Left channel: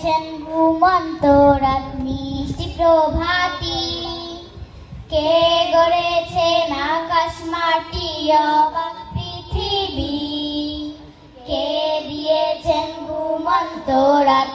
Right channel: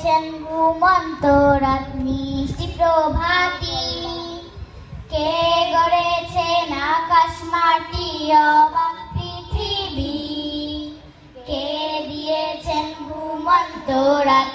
দিয়েছেন ঘুমন্ত রাত মিষ্টি প্রভাতী, কে গড়েছেন আকাশ মাটি অবাক পৃথিবী, কে দিয়েছেন ঘুমন্ত রাত